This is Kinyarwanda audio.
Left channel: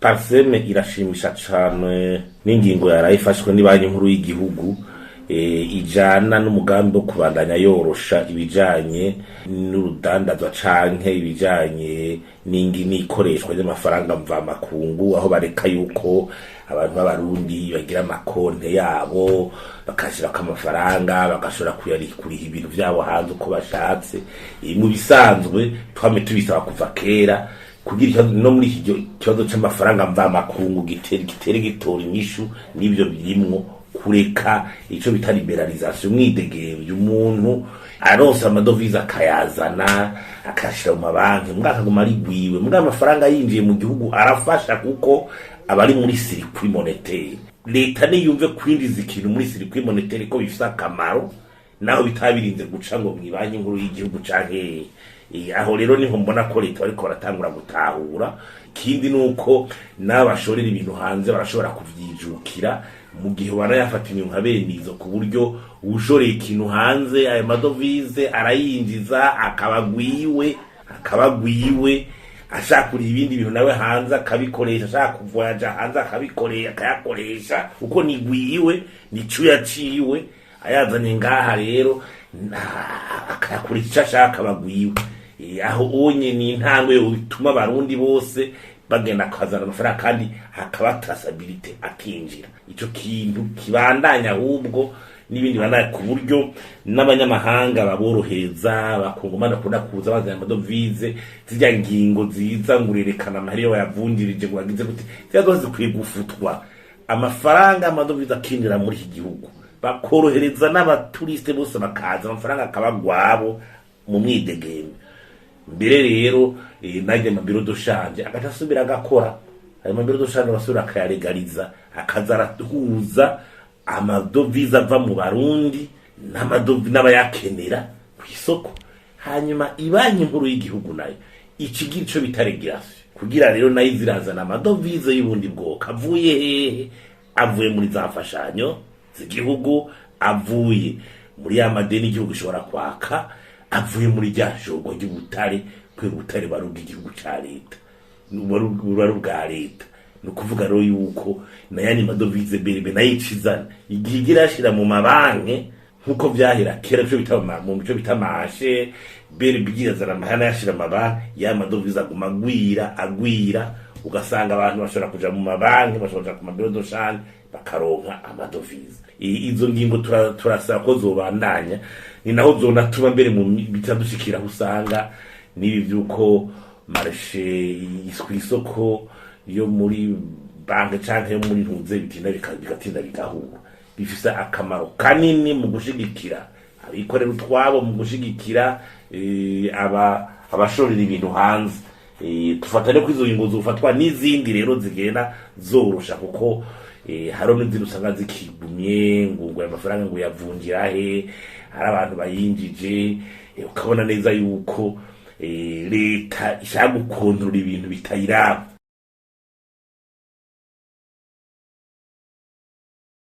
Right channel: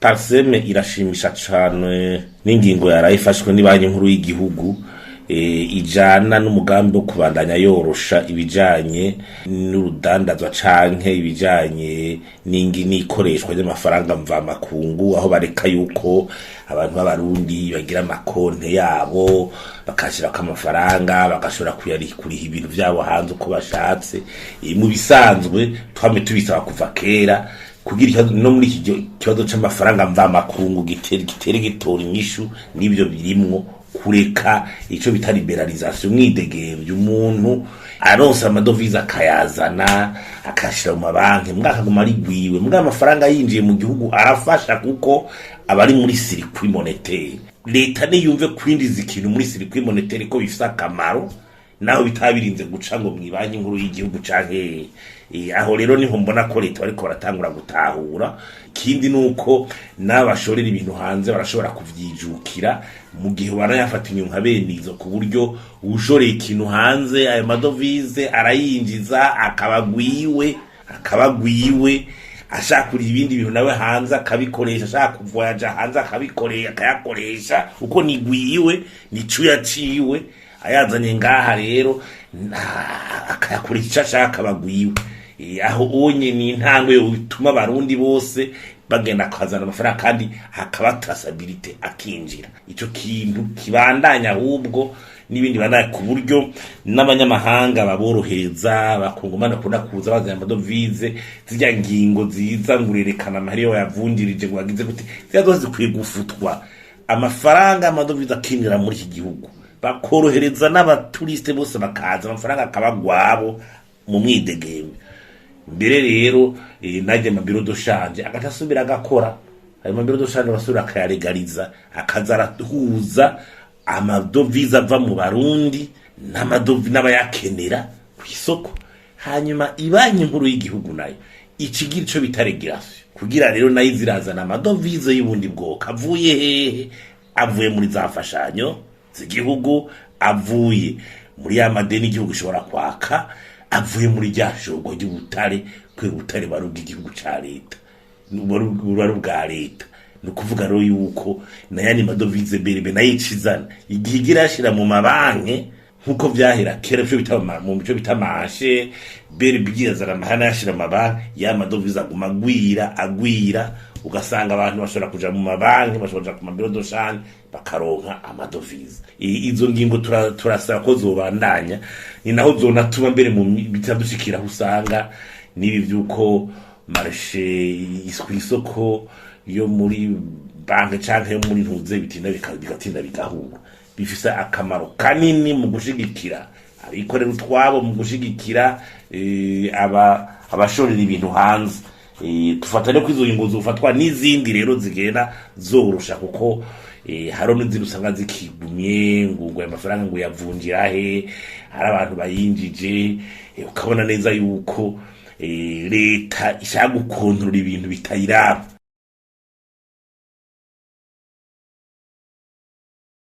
Parseme irashimisha cane n'ingingo yarayifashwe ni banki nkuru y'igihugu ijana n'umugambi wo kubandanya yorosha ibijanye n'urudandazwa canke ibijanye n'ikoreshwa ry'amafaranga mva makungu, aho bareka yuko abantu b'abarundi bagira amakonte yabo bakashira amafaranga bagashobora kuriha ibintu vyabo hanze uko bashatse. Mu bisanzwe twame tubisaba kuva kera kugira no muri iki kibazo c'amafaranga mva makungu gitere gitora inyishu n'ibyo birimwo kureka ico bita liberalisation, mwidegemvye umuntu aronsa amadovize akayazana akashira mu mabanki mwakaguma ari gwiwe, mbwa amafaranga yinjiye mu gihugu arafasha kuko abari muri circuit monétaire. Leta niyumve kwinjiza ikintu muri circuit monétaire ko bifisa akamaro naho bitabirinze guca ngo mwibanki nkuru y'igihugu canke aho rero niho mbona ko leta bariko baratangura gutahura. Kindi nuko n'abashorera ibintu hanze barashobora kuvyijukira mu gihe barayafata inyunga benizo, ku buryo ushoreye ikintu hanze ayo madovize arayinjiza akabagwiwe ashakura ibindi bintu nawe hanze akabikoresha, ashaka kuvoyaja hanze akayakoresha uko nigwiwe nico yaciwe ayazanye ngaha rero akayakoresha ashaka bagwiwe. Aho onye ni intangwe yo bituma abarundi bose bagenda kwazana amafaranga kandi hakaba traceability akinjira. Ico kintu kibandanya ahubwo n'ibindi bandanya ku buryo n'abanyamahanga baborohereza bakungumana kuna kuza bazana amadovize zijya ngingo ziza ngurerekana amahari yo yavundirije ngo bagize gute zizazoze kwigufutwa amafaranga amadovize akinjira muri iki gihugu, bakorohereza n'abaturiste bose bakaza amafaranga akabagwabo mu mwidegembe. Mbere rero najye mabiro doshanje agatasubira agakora ayo mabiro doshanje basubira akayaregaliza akazarahuza amadovize ava mu Barundi n'abayakenera ku isoko, hanyuma ibanki nkuru y'igihugu nayo ikigira ico bitaregirasi kugira rero nayo zirazana amadovize y'ubundi bwoko avuye hehe, avuye muri za mfashanyo z'igihugu, avuye muri ya madeni igihugu ushobora kwaka, avuye muri rya shogo ry'ubutare kw'ubutare barubwa igihugu ca leta bwa leta. Ni kuvuga rero yuko nayandi madovize berebe nayicizana igihe igira yashira mu mabanki nkuko vyahera kera byo bitama mu bico bitamashe berebe igizana amahana yashira mabanki ya madovize aguma agwira ugasanga abantu bashobora kuja mu mabanki bashobora ku mabiro doshane bakaronka amadovize. Izo ngingo turasaba ko zobandanya, ni naho zonatuma mbere mu bitadushikira usanga nibi vyuko marché isoko yo muri banke canke yo muri ntuze bitinda bigatinda bigahura. Bifisa akamaro kanini mu gushigikira abikorera utwabo, mu gushigikira abashorera ibintu hanze. Tufatane ko izo ngingo zofatwa n'izindi rero zigenda zorosha kuko haro n'inzira usanga zikigumye ngo amafaranga ngo yavunjira he, hari abantu bayinjije ukabona neza yuko leta ishaka gukontorora ibintu bitayiraba.